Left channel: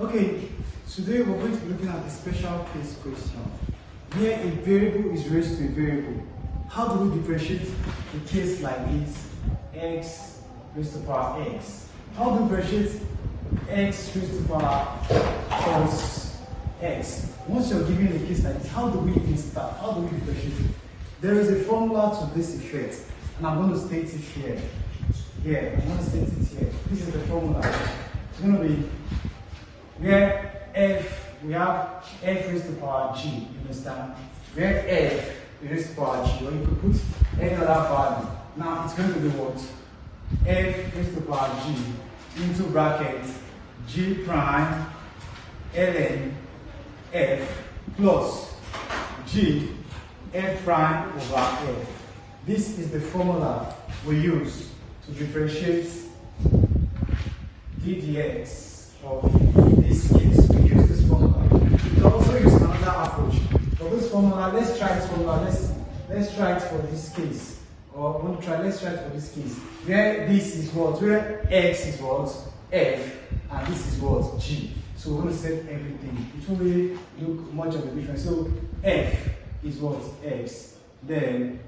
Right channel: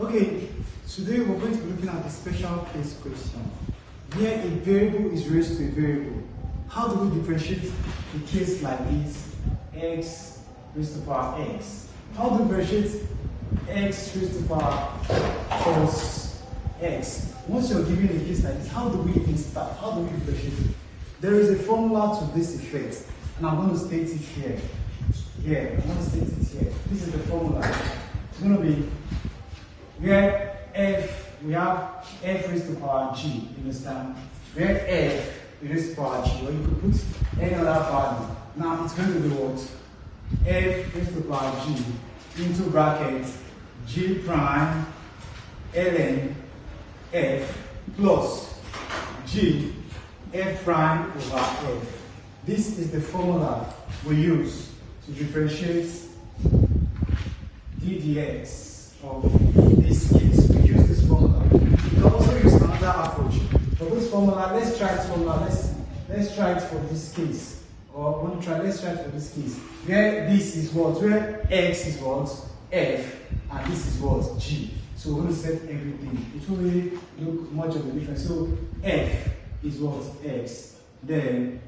Okay, today we're going to be looking at the special case question where a variable is raised to a variable. How do we differentiate a case like this, x raised to the power x? How do we differentiate x raised to the power plus x? Once you're given a case like this, how do we even start? How do we differentiate it? There is a formula to this effect, and I'm going to state it here. I'm going to state it here. This is the formula. It's going to be where we have f raised to the power g, you understand? Where f raised to the power g, or you could put any other value. Now it's going to be what? F raised to the power g into bracket g prime ln f plus g f prime over f. This is the formula we use to differentiate d dx of this case. We use this formula. We can also use another approach. For this formula, let's try this formula. Let's try it for this case. Or let's try it for this case. Where this is what? Where x is what? F, and this is what? G. So we're going to set everything. It will really look much of a difference. So f is what? X. Then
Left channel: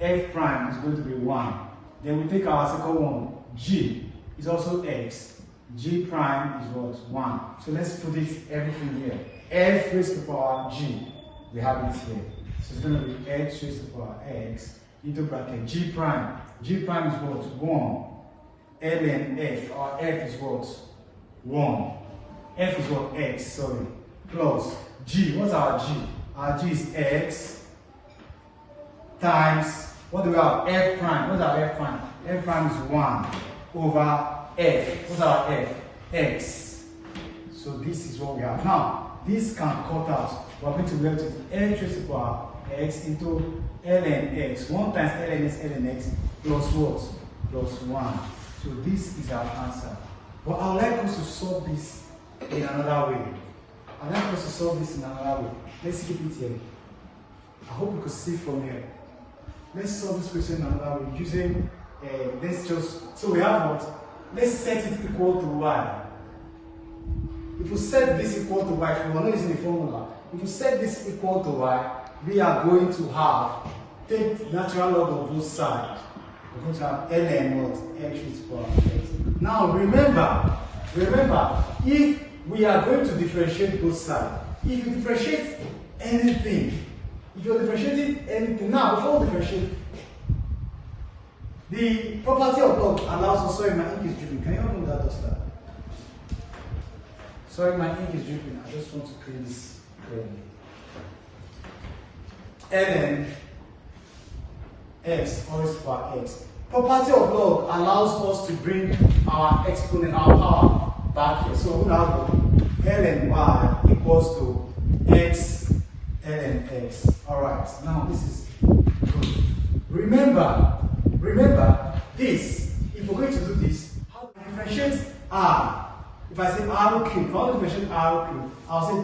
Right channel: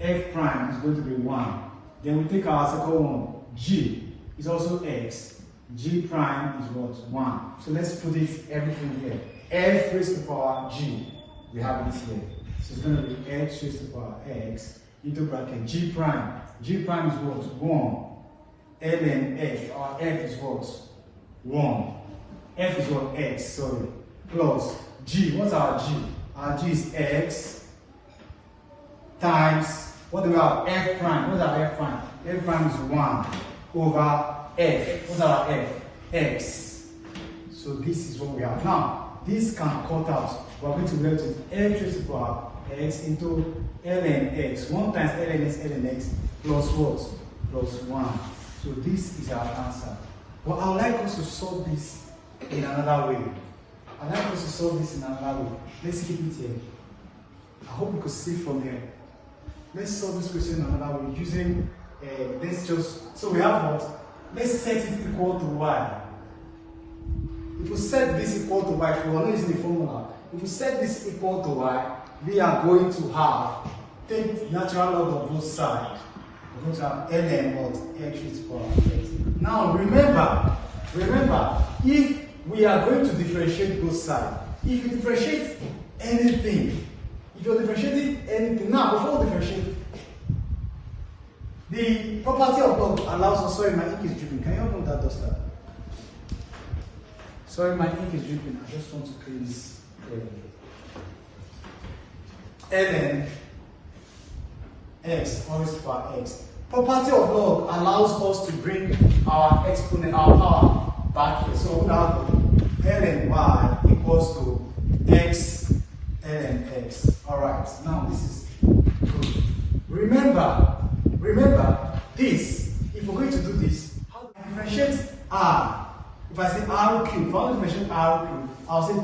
f prime is going to be 1. Then we take our second one. G is also x. G prime is what? 1. So let's put it everything here. F raised to the power g. We have it here. So it's going to be x raised to the power x into bracket g prime. G prime is what? 1. ln f. Our f is what? 1. F is what? X, sorry. Plus g. What's our g? Our g is x times, what do we have? F prime. What's our f prime? F prime is 1 over f. What's our f? X. So this is what we have. Now, this can cut out. We're going to be able to f raised to the power x into ln x. 1 times ln is ln x plus what? Plus 1. So this is our answer. But I would like us to solve this in another way. Let's keep it here. I hope you could see from here. Let's solve this question in another way using, so we have what? Let's set it equal to y. If we set this equal to y, if we are not using the formula, if we set this equal to y, we are going to have, take natural log of both sides. We're going to have ln what? X raised to the power x. Now remember, if we are going to differentiate both sides, if you differentiate anything, if you're differentiating anything, now before we differentiate, the property of log allows us, sorry, my ink is dripping. Can you help me with that duster? Sorry, my ink is dripping. I just want to clean this clearly. ln x raised to the power x. Property of log allows us to bring our exponent, our power back here. So we have ln y equals to x ln x. Alright, now this is good. Remember this, if we're going to do this, how do I differentiate r? If I say r cubed, if I want to differentiate r cubed, I'll say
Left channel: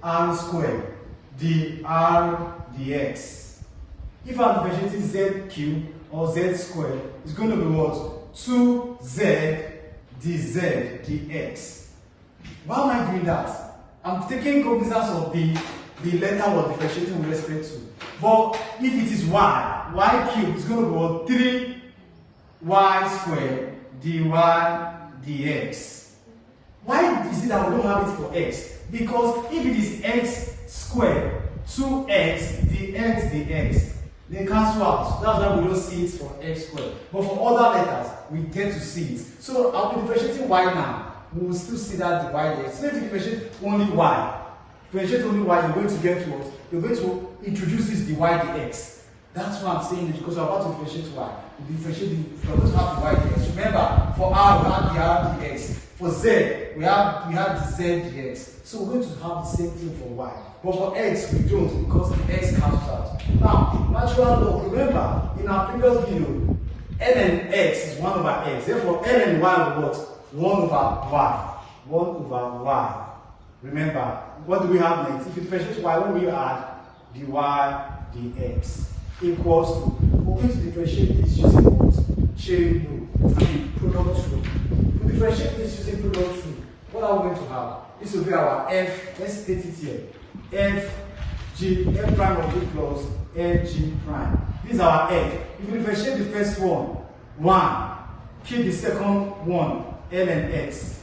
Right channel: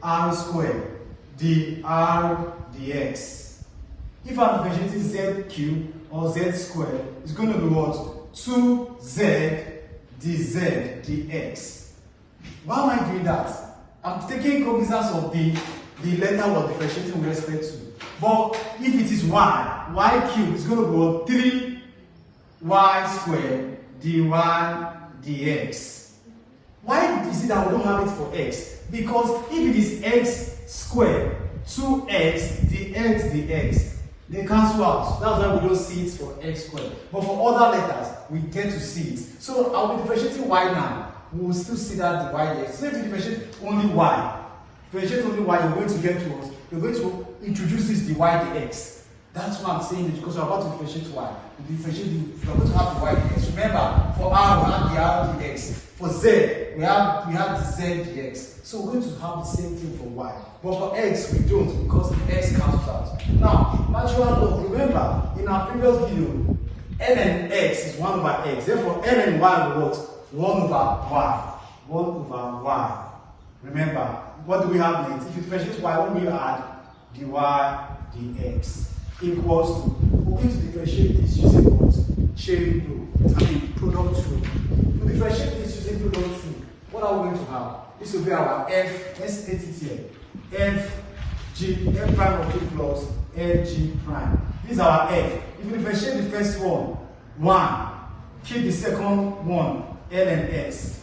3r squared dr dx. If I'm differentiating z cubed or z squared, it's going to be what? 2z dz dx. Why am I doing that? I'm taking cognizance of the letter we're differentiating with respect to. But if it is y cubed is going to be what? 3y squared dy dx. Why is it that we don't have it for x? Because if it is x squared, 2x dx dx, they cancel out. That's why we don't see it for x squared. But for other letters, we get to see it. So I'll be differentiating y now. We will still see that divide there. So if you differentiate only y, you're going to get to us. You're going to introduce this dy dx. That's why I'm saying it, because we're about to differentiate y. We're going to have the y dx. Remember, for r we have the r dx. For z, we have the z dx. So we're going to have the same thing for y. But for x, we don't, because the x comes out. Now, natural log, remember, in our previous video, ln x is 1 over x. Therefore, ln y will what? 1 over y. 1 over y. Remember, what do we have next? If you differentiate y, what do we add? dy dx equals to, we're going to differentiate this using what? Chain rule. Product rule. If we differentiate this using product rule, what are we going going to have? This will be our f, let's state it here. F prime of b plus f g prime. This is our f. If you differentiate the first one, 1, keep the second one, ln x,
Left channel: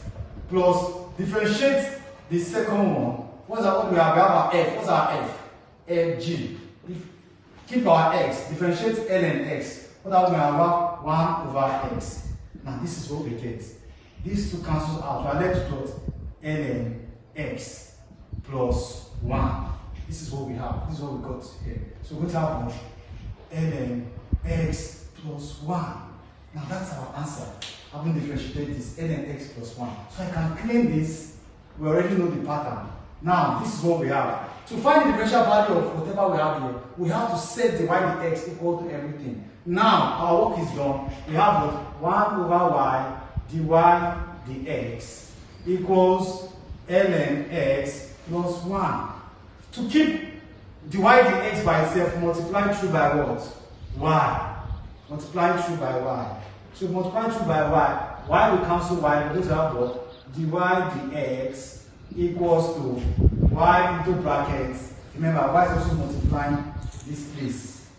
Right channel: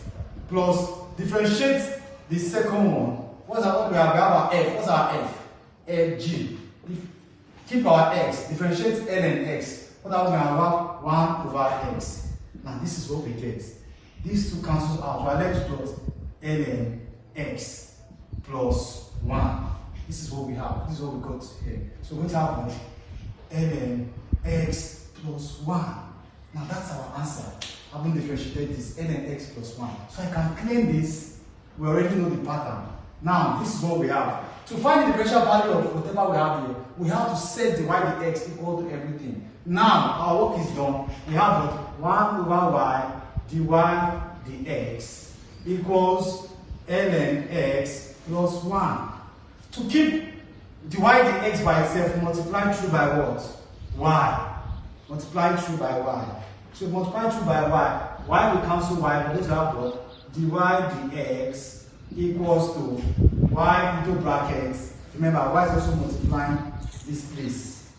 plus differentiate the second one. What do we have? We have our f. What's our f? Fg. Keep our x, differentiate ln x. What do we have? 1 over x. Now this is what we get. These two cancel out. We are left with ln x plus 1. This is what we have. This is what we got here. So we're going to have ln x plus 1. Now that's our answer. I will differentiate this ln x plus 1. So I can claim this. We already know the pattern. Now this is what we have. To find the differential value of whatever we have here, we have to set the y dx equal to everything. Now our work is done. We have 1 over y dy dx equals ln x plus 1. To keep dy dx by itself, multiply through by what? Y. Multiply through by y. So multiply through by y will cancel y, we have what? Dy dx equals to y into brackets. Remember, y is also multiplying this place.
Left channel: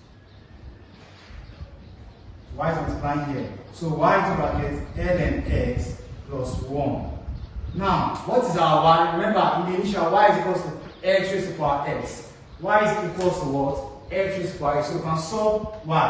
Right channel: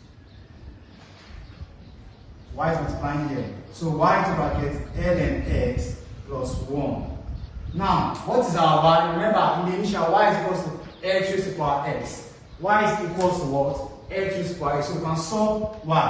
Y is multiplying here. So y into brackets ln x plus 1. Now, what is our value? Remember, in the initial, y is equal to x raised to power x. Y is equal to what? X raised to power x. So we can solve y.